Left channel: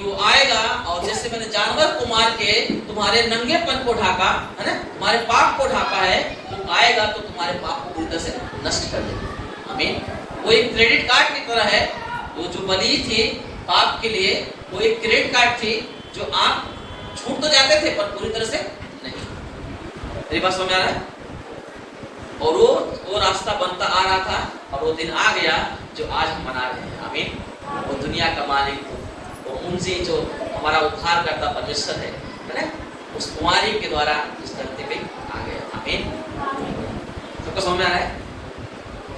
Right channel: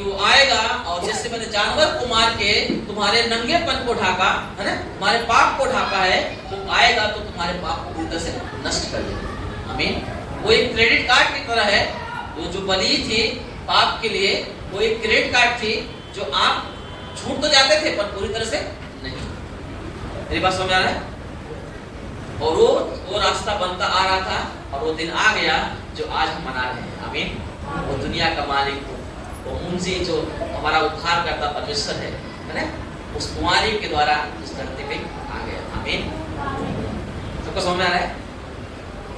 कि वो आएगा और जैसे मैंने जानवर को मार के तुम्हारे नंगेपन को ढाका है ना, तुम्हारे पाप को ढाका है, वो आएगा तो तुम्हारे पाप को उल्टा से नष्ट कर देगा। आमीन। वो एक क्रेडिट कार्ड की तरह है, वो जो बलि थी पाप के लिए, वो एक क्रेडिट कार्ड थी जो आप छूट तो जाते थे पर पूरी तरह से नहीं। मेरी बात समझ आ रहा है? और वो रास्ता बनता आ रहा था और वो दिन आ गया जो आज हम मना रहे हैं। आमीन। वो दुनिया का मालिक, वो मुंजी जो हमारा उद्धार करता परमेश्वर है ना, उस कुमारी के द्वारा इस धरती पे आ गया। आमीन। सबको समझ आ रहा है?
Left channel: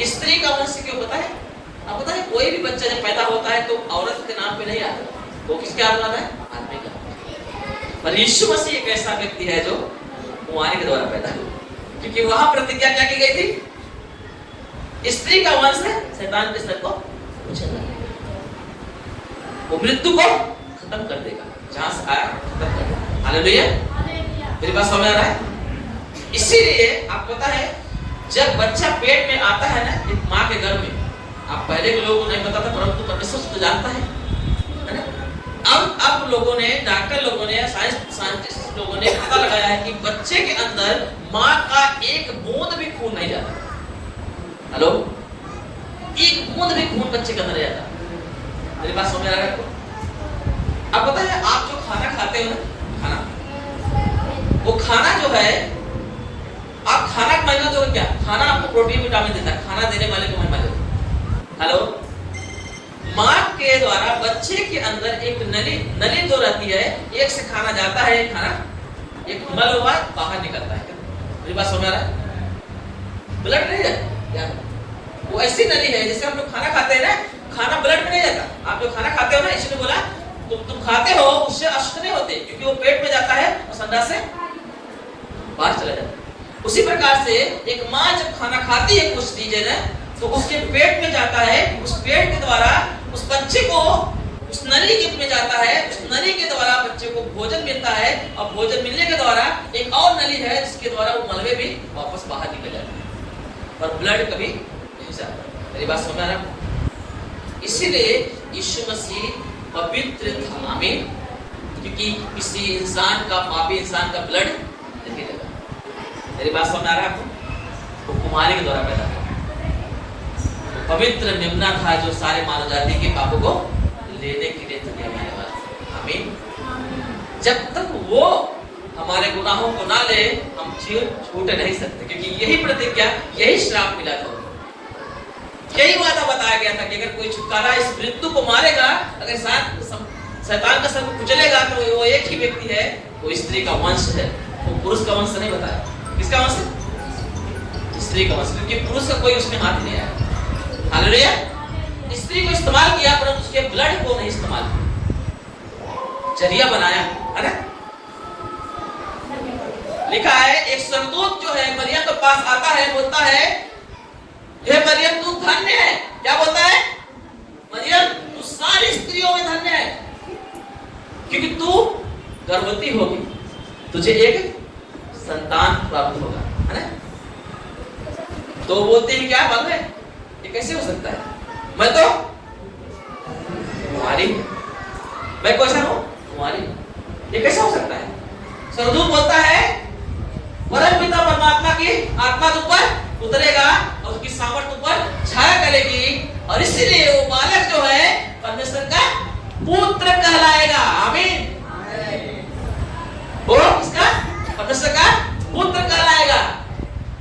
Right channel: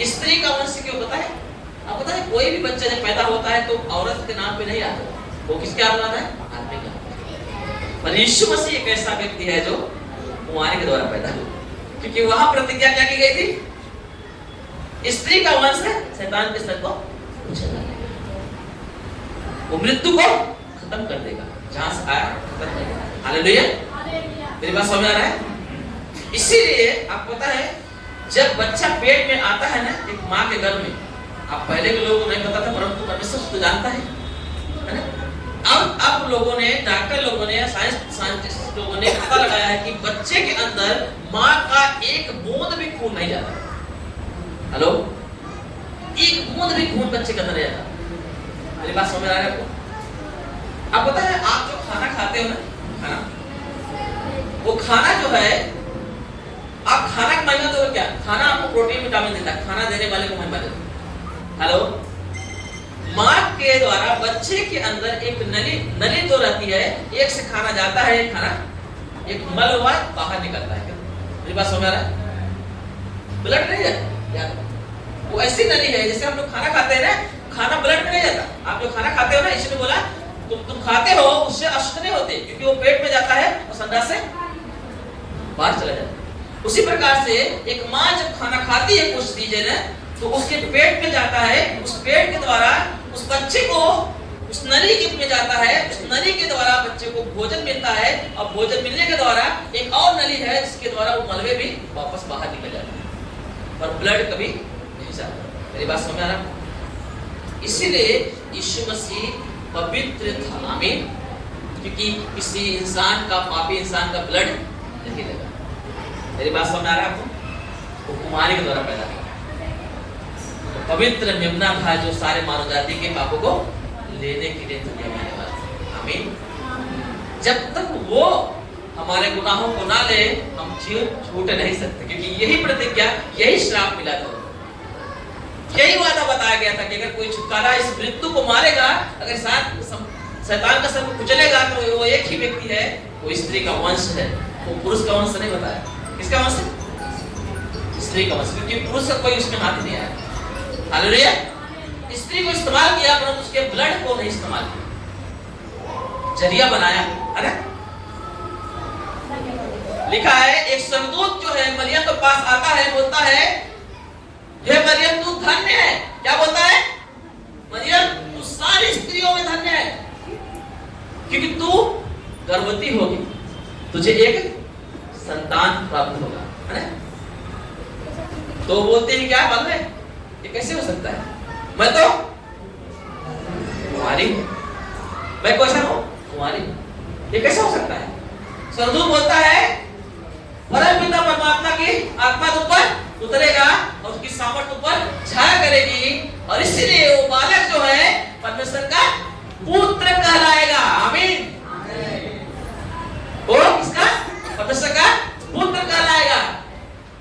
स्त्री का वंश क्यों पता है? आप पता है कोई भी बच्चा जब पैदा होता है तो औरत के नाम पे नहीं आता, वो किसके आप नाम है? आदमी का। पर यीशु मसीह एक ऐसा व्यक्ति है जो कुमारी के द्वारा पैदा हुआ, क्योंकि वहां प्रतिज्ञा क्या की गई थी? स्त्री का वंश है शैतान के सर को कुचल देगा, वो मृत्यु को खत्म कर देगा, जहां से आया खत्म कर देगा। हालेलुया। मेरी बात समझ आ रहा है? इसीलिए आप पता है जब बच्चा पेट में आता है ना एक माँ के गर्भ में, आप पहले के लोगों को नहीं पता था परंतु परमेश्वर तो जानता है ना। अब लोगों ने, डॉक्टर लोगों ने, साइंटिस्ट लोगों ने पता लगाया है कि बच्चे के अंदर माँ का एक बूंद भी खून नहीं जाता। हेलो, एक बूंद भी खून बच्चे के अंदर नहीं जाता। मेरी बात समझ आ रहा है आपको? अब पता है आप जो खाना खाते हो ना, खाना, वो खाना जो है, आप खाना के मायने तो क्या, खाना आपको प्रोटीन विटामिन देता है, खाना देने वाले को महिमा देता है। हेलो, माँ के द्वारा बच्चे के अंदर एक नली जो रहती है, एक से खाना जाता है, खाना एक मल हुआ बाहर निकलता है। मेरी बात समझ आ रहा है? ब्लड नहीं जाता यार, वो ऐसी नली है जैसे हम लोग खाना खाते हैं ना, खाना ब्लड में नहीं जाता। आप जो खाना खाते हो ना, इसी ने बोला तुम खाते हो, उससे अशुद्ध नहीं होते, क्योंकि वो पेट में जाता है और संडास से बाहर चला जाता है। उसी प्रकार से एक माँ जब खाना खाती है कुछ चीजें ना, तो उसके पेट में जाता है, उस पेट के द्वारा उस बच्चे को उस नली के में जाता है, उस नली के द्वारा बच्चे को भोजन मिलता है, और भोजन मिलने के द्वारा एक और नली है जिसके द्वारा वो मलबे भी वापस बाहर निकल जाता है, पर ब्लड कभी नहीं जाता। मेरी बात समझ आ रहा है? इसीलिए यीशु मसीह पवित्र था। आमीन। क्योंकि किसी इंसान का, पापी इंसान का ब्लड नहीं लगा। मेरी बात समझ आ रहा है आपको? वो कुमारी के द्वारा पैदा हुआ, पवित्र मेमना था जो सारे मानव जाति के पापों को लेने के लिए दुनिया में आने वाला। आमीन। जब तक वो हमारे गुनाहों को ना ले, हम छूट नहीं सकते, क्योंकि यही प्रतिज्ञा, यही श्राप मिला था, यही वादा बताया गया था कि अगर कोई छुटकारा इस मृत्यु को मारेगा, अगर शैतान का सर कुचलेगा, तो वो एक ही व्यक्ति है, वो स्त्री का वंश है। वो पुरुष का वंश नहीं बताया। किसका वंश? स्त्री का वंश, क्योंकि पुरुष का कोई उसमें हाथ नहीं आया। हालेलुया। स्त्री को इस्तेमाल किया परंतु उसके ब्लड को नहीं इस्तेमाल किया, जरिया बनाया। अरे लिखा है एक स्वर्गदूत जो है मरियम के पास आता है, बोलता है हे मरियम तू धन्य है। क्या बोलता है? मरियम तू सारी स्त्रियों में धन्य है, क्योंकि तू गर्भवती होगी, तुझे एक संतान प्राप्त होगा, है ना? तो बोलते हैं क्या बात है, ये कैसे हो सकता है? मैं तो कुमारी, मैं कैसा हूं? कुमारी, ये कैसे हो सकता है? स्वर्गदूत बोलता है परम पिता परमात्मा की आत्मा ऊपर उतरेगा और उसकी सामर्थ ऊपर छाया करेगी, और इसलिए वो बालक जो है परमेश्वर का पुत्र कहलाएगा। आमीन। वो किसका? परमेश्वर का पुत्र कहलाएगा,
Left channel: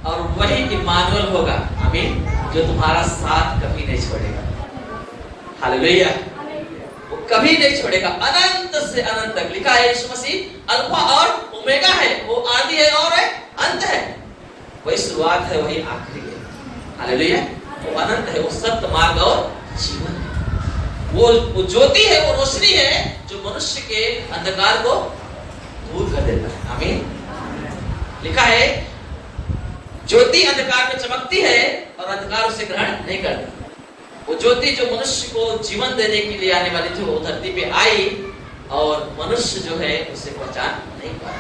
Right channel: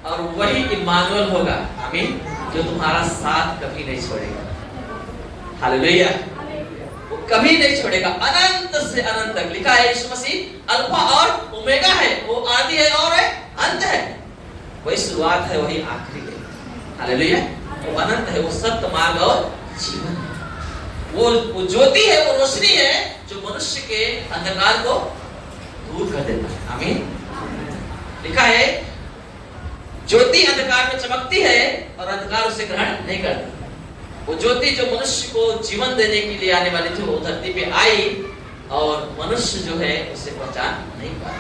और वही इम्मानुएल होगा। आमीन। जो तुम्हारा साथ कभी नहीं छोड़ेगा। हालेलुया। वो कभी नहीं छोड़ेगा, अनंत से अनंत तक। लिखा है यीशु मसीह अल्फा और ओमेगा है, वो आदि है और है अंत है, वही शुरुआत है वही आखिरी है। हालेलुया। वो अनंत है, वो सत्य, मार्ग और जीवन है। वो ज्योति है, वो रोशनी है जो मनुष्य के अंधकार को दूर कर देता है। आमीन। लिखा है ज्योति अंधकार में चमकती है और अंधकार उसे ग्रहण नहीं करती। वो ज्योति जो मनुष्य को जीवन देने के लिए आने वाली थी, वो धरती पे आई और मनुष्य जो है उसे पहचान नहीं पाया।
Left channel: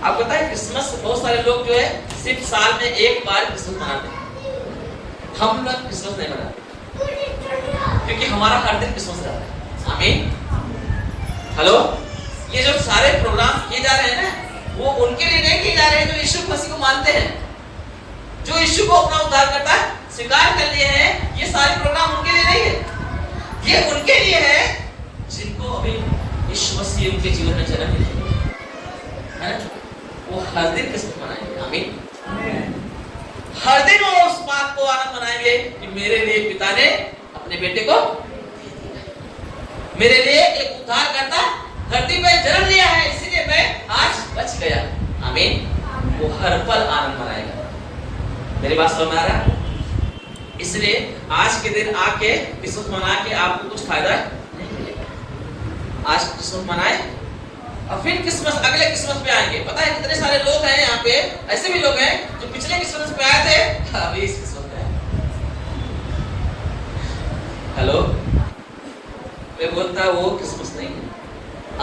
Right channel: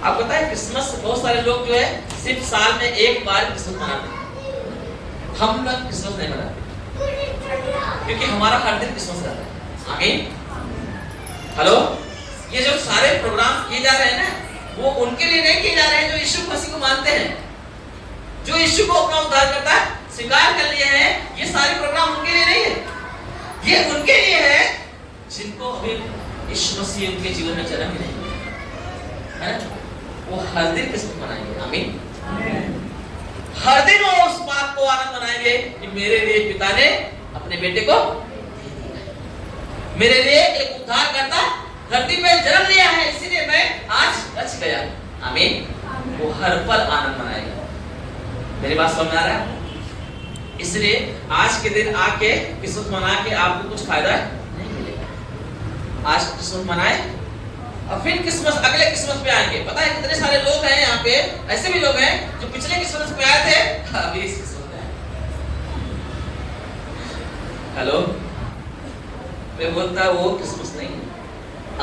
आपको पता है क्रिसमस बहुत सारे लोग जो है सिर्फ साल में एक बार क्रिसमस मनाते हैं। हम लोग क्रिसमस नहीं मनाते क्योंकि हमारा हर दिन क्रिसमस रहता है। आमीन। हेलो, ये जो सारे प्रोग्राम किए जा रहे हैं ना, वो उनके लिए नहीं किए जा रहे हैं जो यीशु मसीह को मानते हैं, जो यीशु को अपना उद्धारकर्ता स्वीकार कर लिए हैं। ये सारे प्रोग्राम उनके लिए नहीं है, ये उनके लिए है जिनको अभी यीशु मसीह उनके जीवन में जन्म मिलेगा, है ना? वो हर दिन किस्मत मनाएंगे। आमीन। हर दिन वो उस बात को आनंद मनाएंगे कि मेरे लिए पिता ने अपने बेटे को, मेरे लिए एक उद्धारकर्ता धरती पे जन्म लिया है, इसीलिए मैं आज बच गया। आमीन। वो हर पल आनंद मनाएगा। मेरी बात समझ आ रहा है? इसलिए आज के दिन आके क्रिसमस मना के आपको कुछ फायदा नहीं मिलेगा। आज क्रिसमस मनाए और फिर क्रिसमस, अगले क्रिसमस पे आएंगे। पता है कितने सारे लोग हैं यहाँ पे, ऐसे भी लोग हैं जो पिछले क्रिसमस पे आए थे, अभी इस क्रिसमस पे आए। हेलो, मैं बोलता वो क्रिसमस नहीं है।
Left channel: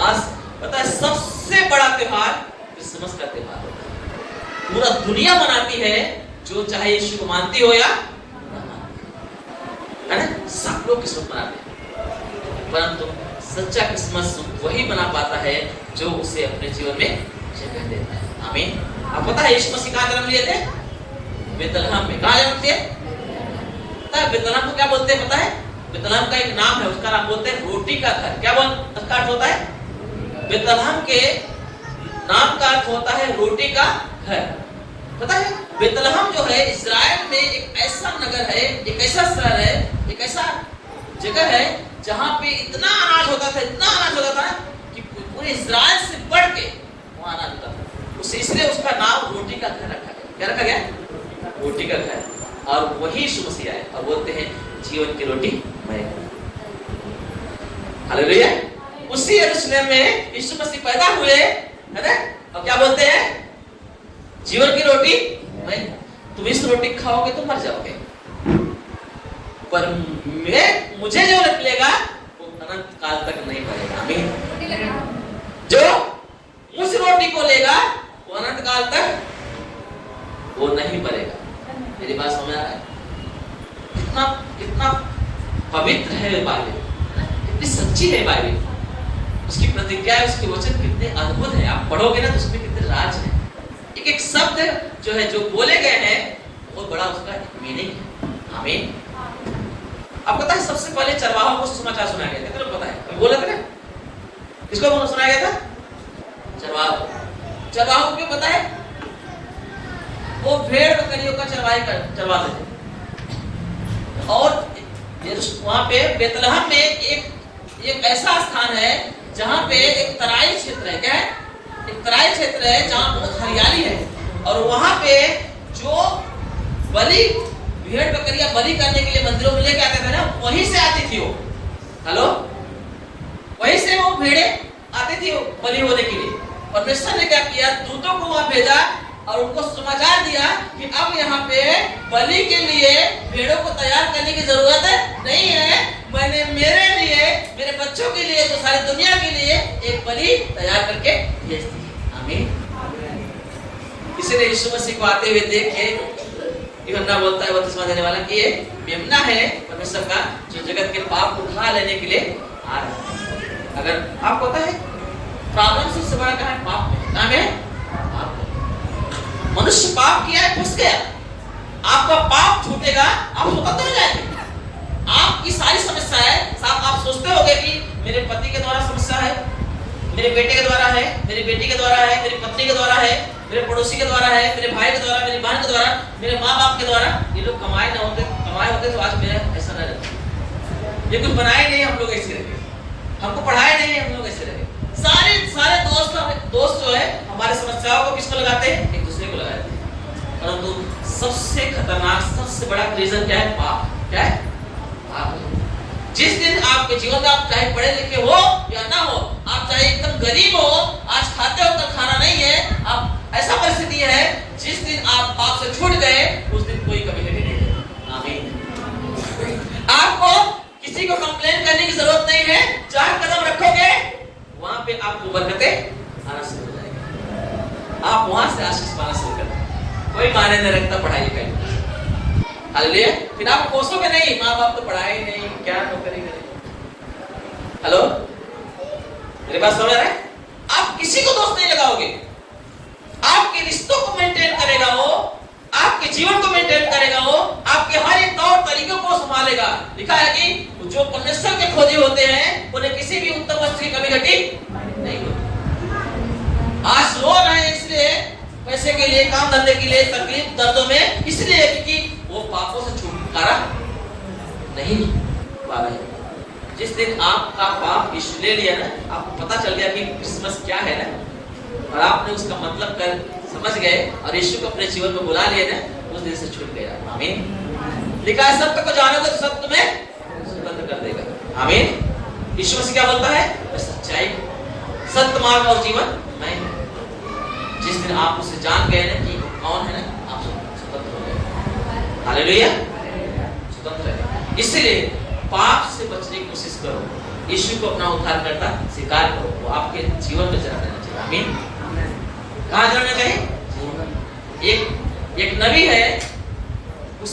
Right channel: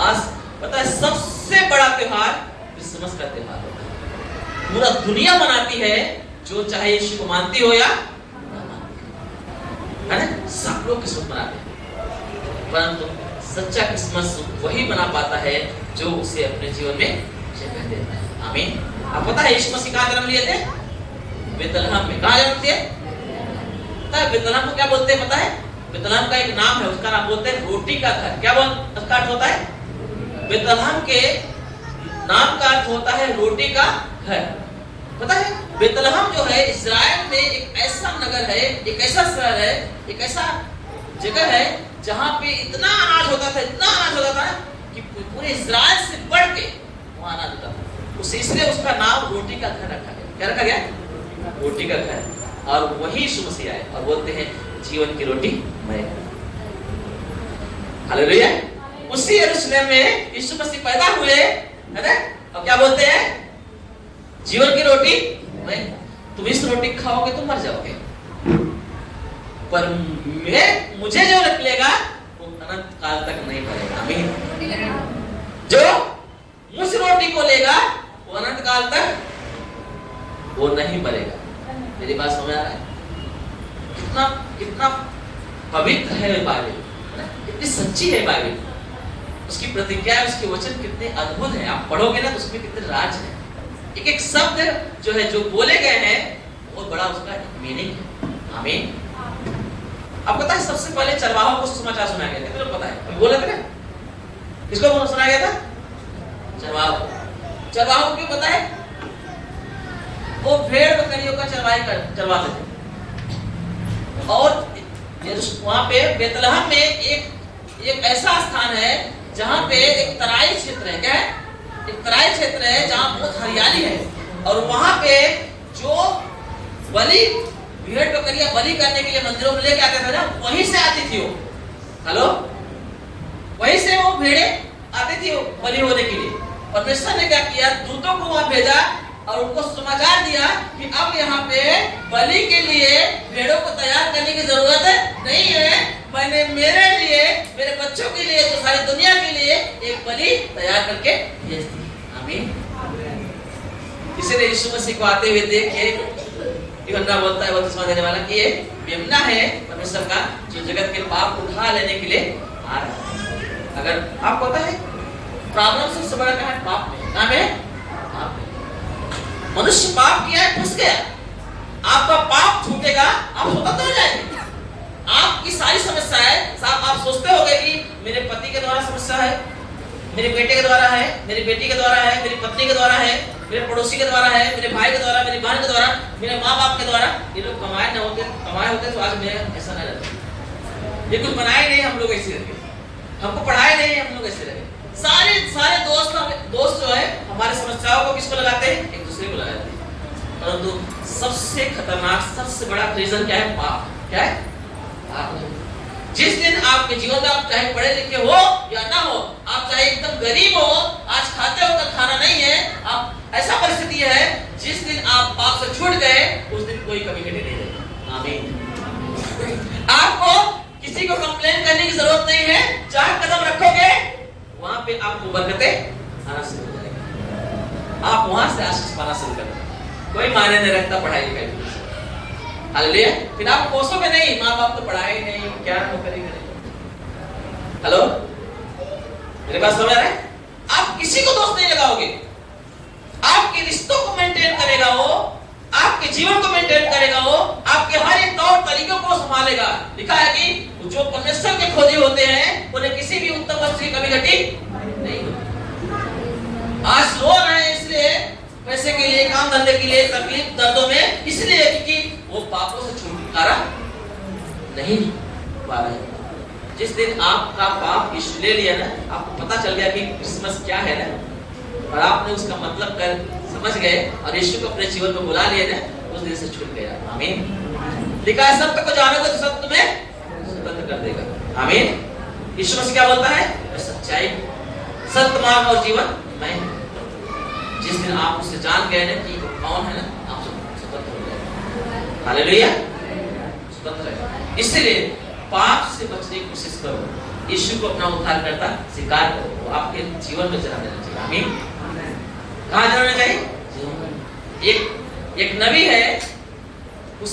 आज पता है सबसे बड़ा त्योहार क्रिसमस का त्योहार होता है। पूरा दुनिया मनाती है, जो चाहे यीशु को मानती हो या ना मानती हो, है ना? सब लोग क्रिसमस मनाते हैं, परंतु सच्चा क्रिसमस वही मना पाता है जो उसे अपने जीवन में जगह देता है। आमीन। आप पता है यीशु मसीह कहाँ जन्म लिए थे? बेतलहम में। कहाँ जन्म लिए? पता है बेतलहम को क्या बोलते हैं? पता है बेतलहम का एक नाम है, उसका नाम बोलते हैं रोटी का घर। क्या बोल उसका अर्थ होता है? बेतलहम के नाम का अर्थ होता है रोटी का घर। पता है बेतलहम जो है इस्राएल में एक ऐसा नगर है, एक ऐसा शहर है, एक ऐसा जगह है जहां पे इतना अनाज होता था, इतना अनाज होता था कि पूरे इस्राएल से बढ़ के वहां अनाज होता था। उसे इसलिए उसका नाम रोटी का घर रखा गया। क्या रखा गया? रोटी का घर। और वही यीशु मसीह आए और बोलते हैं जीवन की रोटी मैं हूं। हालेलुया। उसी यरूशलेम में यीशु मसीह पैदा हुए, है ना? और क्या बोलते हैं? जीवन की रोटी मैं हूं। तुम इस रोटी खाओगे तो मर जाओगे, पर मुझे जो निकलेगा वो अनंत काल तक नहीं मरेगा। आमीन। जो उस रोटी को लेगा वो अनंत काल तक वो नहीं मरेगा। मेरी बात समझ आ रहा है? कितना कितना पवित्र है बाइबल, कितनी सच्ची है बाइबल, उसकी प्रतिज्ञा, उसके वचन कितने अद्भुत है। आप पढ़ोगे ना तो उसमें कितने राज है। एक एक शब्द जो है, जो बोले गए हैं, बहुत बड़ा उसका एक मीनिंग है। आमीन। अब पता है सबसे पहले चरवाहों को समाचार सुनाया गया था। किसको पता है? बोला था ना, किसको सुनाया गया था? चरवाहों। चरवाहों को क्यों पता है? वो भेड़ बकरियों का चरवाते थे। और वहां पे बेतलहम में एक ऐसा स्थान है जहां पे एक तराई क्षेत्र है। क्या है? एक तराई क्षेत्र है जहां बहुत हरियाली है, और वहां पे जो बलि, भेड़ बकरियां बलि करने के लिए मंदिरों में लेके आते थे ना, वहीं से आती थी वो। हेलो, वहीं से वो भेड़े आती थी वो बलि होने के लिए। परमेश्वर ने क्या किया? दूतों को वहां भेजा और उनको समाचार दिया कि अब यहाँ पे बलि के लिए भेड़ों को तैयार करने की जरूरत नहीं है। मैंने मेरे लिए, मेरे बच्चों के लिए, तो सारी दुनिया के लिए एक बलि तैयार करके भेज दी। आमीन। इसीलिए यीशु मसीह को आते हुए देख के यूहन्ना बोलता है, बपतिस्मा देने वाला, कि ये मेमना है परमेश्वर का, जो जगत के पाप को उठा लेने के लिए आ रहा है। अगर आपको पता है प्रॉब्लम सबसे बड़ा क्या है? पाप में। नाम है पाप में। मनुष्य पाप किया है, फंस गया। आपका पाप छूटेगा, आप स्वतंत्र हो जाएंगे। आपकी सारी समस्याएं, आप सोचते होंगे कि मेरे पति के द्वारा समस्या है, मेरे बेटे के द्वारा है, मेरी बेटी के द्वारा है, मेरी पत्नी के द्वारा है, मेरे पड़ोसी के द्वारा है, मेरे भाई के द्वारा, मेरी बहन के द्वारा, मेरे माँ बाप के द्वारा। ये लोग कमाए होते तो आज मेरा ऐसा ना रहता। ये कुछ बनाए नहीं, हम लोग ऐसे रहे। हमको पढ़ाए नहीं, हम लोग ऐसे रहे। सारे दोस्त जो है हमारे समस्याओं को किसको लगाते हैं? एक दूसरे को लगाते हैं। परंतु सबसे खतरनाक, सबसे बड़ा रीजन क्या है? पाप। क्या है? पाप। जिस दिन आपके जीवन में, आप चाहे पढ़े लिखे हो या ना हो, आप चाहे एकदम गरीब हो, आज खाते हो कल खाना नहीं है, आप ऐसा परिस्थिति है, जिस दिन आप पाप से छूट गए उस दिन कोई कमी नहीं रहेगी। आमीन। आपको किसी को कंप्लेन करने की जरूरत नहीं है। चार कदम रखोगे वहां पे आपको बरकतें आना शुरू हो जाएगी। आप वहां से आशीष पाना शुरू कर देंगे। कोई मायने नहीं रखता पढ़ाई लिखाई। हालेलुया। फिर आप कोसोगे नहीं, माँ बाप तो पढ़ाए नहीं, क्या तो करेंगे। हेलो, मेरे पास समझ रहे? आप किसी को दोष नहीं लगाओगे, आपके रिश्तों को मेंटेन करेगा वो, आपके जीवन को मेंटेन करेगा वो, आपके हर एक तौर तरीकों को संभालेगा। लिखा है कि जो परमेश्वर के खोजे होते हैं उन्हें किसी भी उत्तम वस्तु की कमी घटी नहीं होती। आज रो रहे हैं इसलिए, पैसे के लिए, काम धंधे के लिए, तकलीफ दर्दों में, इसलिए क्योंकि वो पापों से छुटकारा नहीं पा रहे। जिस दिन आपका पाप यीशु ले लिया ना, आपको पता चल गया कि क्रिसमस क्या है ना, और आपने उसका मतलब कर समझ गए और यीशु को अपने जीवन में बुला लिया ना, उस दिन से छूट गया। आमीन। लिखा है सत्य को जानोगे तो सत्य तुम्हें स्वतंत्र कर देगा। आमीन। यीशु मसीह क्या बोलता है? सच्चाई, सत्य मार्ग और जीवन मैं। जिस दिन आप उसे जान गए ना कि वो कौन है, आप स्वतंत्र हो गए। हालेलुया, स्वतंत्र है। इसलिए पाप से बचने की कोशिश करो, यीशु को अपना उद्धार करता स्वीकार करो, वो आपके जीवन में जरा देना चाहिए। आमीन। कहाँ जराना चाहिए? एक नबी है, उस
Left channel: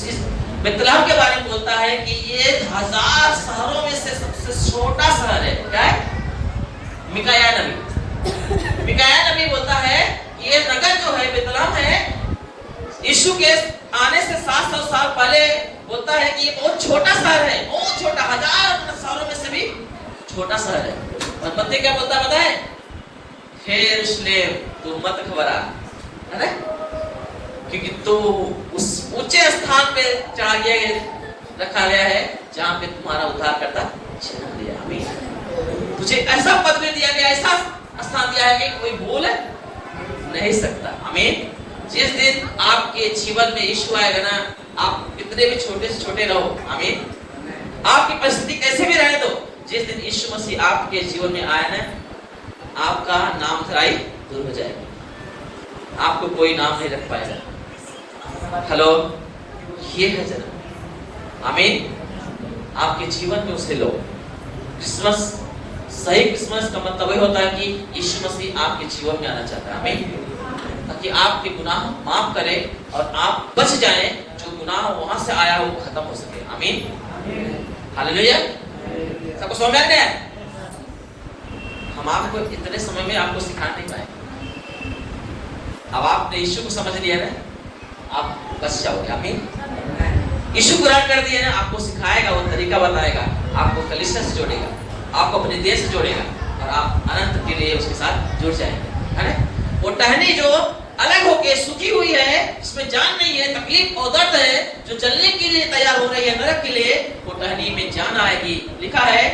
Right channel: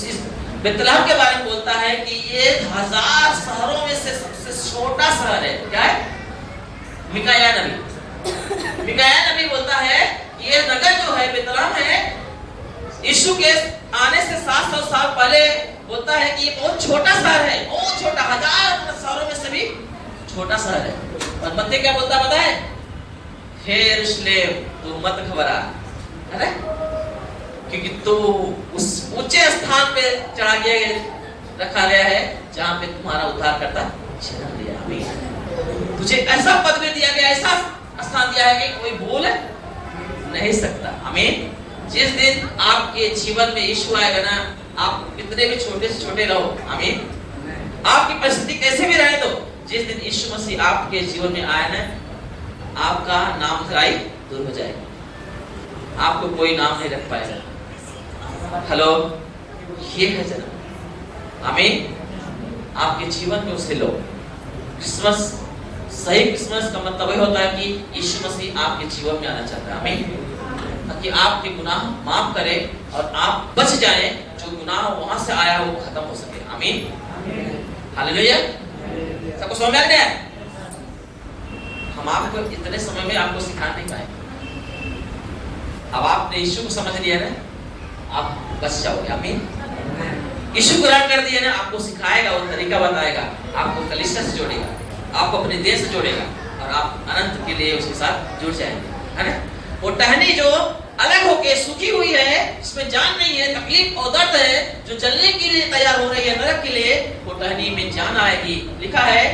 बेतलहम के बारे में बोलता है कि ये 1000 शहरों में से सबसे छोटा शहर है। क्या है? मिकाया नबी बोलता है ये नगर जो है बेतलहम है, यीशु के आने से 700 साल पहले बोलता है कि ये बहुत छोटा शहर है, बहुत छोटा, 1000 शहरों में से भी छोटा शहर है। और मत्ती क्या बोलता है? हे यरूशलेम तू मत घबरा, है ना, क्योंकि तू उस ऊंचे स्थान पे चढ़ा गया, रखा गया है जहां पे तुम्हारा उद्धार करता जन्म लिया। आमीन। तुझे ऐसा पद में दिया गया, ऐसा स्थान दिया है कि कोई भूल नहीं सकता। आमीन। जिस दिन आपके जीवन में यीशु आएगा ना, आप कितने भी छोटे से छोटे रहो, आमीन, आपकी परिस्थिति कैसे भी रहे, तो जिस दिन यीशु मसीह आपके जीवन में आए ना, आपका नाम खराई दूर हो जाएगी, आपको कोई नाम नहीं रख पाएगा। हेलो, ये है जन्म। आमीन। आपके जीवन में उसे लो। क्रिसमस, सही क्रिसमस का मतलब वही होता है कि यीशु मसीह आपके जीवन में आना चाहता है। आमीन। ताकि आपके गुनाह माफ करे और आप बच जाएं, जो गुनाह वहां से आया वो खत्म हो सके। आमीन। हालेलुया। सबको समझ में आ गया? हम आपको इतने समय में आपको सिखा नहीं पाएंगे। अब आपने यीशु को समझ लिया ना, आप बच जाओगे। आमीन। यीशु ग्रहण कर दिया ना, आपको सिखाएगा, वो तरीका बताएगा, आपको कलीसिया से जोड़ेगा, आपको अपने देश से जोड़ेगा और आप अनंत के लिए उसके साथ जुड़ जाएंगे, है ना। वो टहनी जो अलग होके सूखी हुई है, इसमें जान नहीं है, तकलीफ और दर्द है, जो जलने के लिए तैयार हो रही है नरक के लिए, वो टहनी में जान आएगी। लिखा है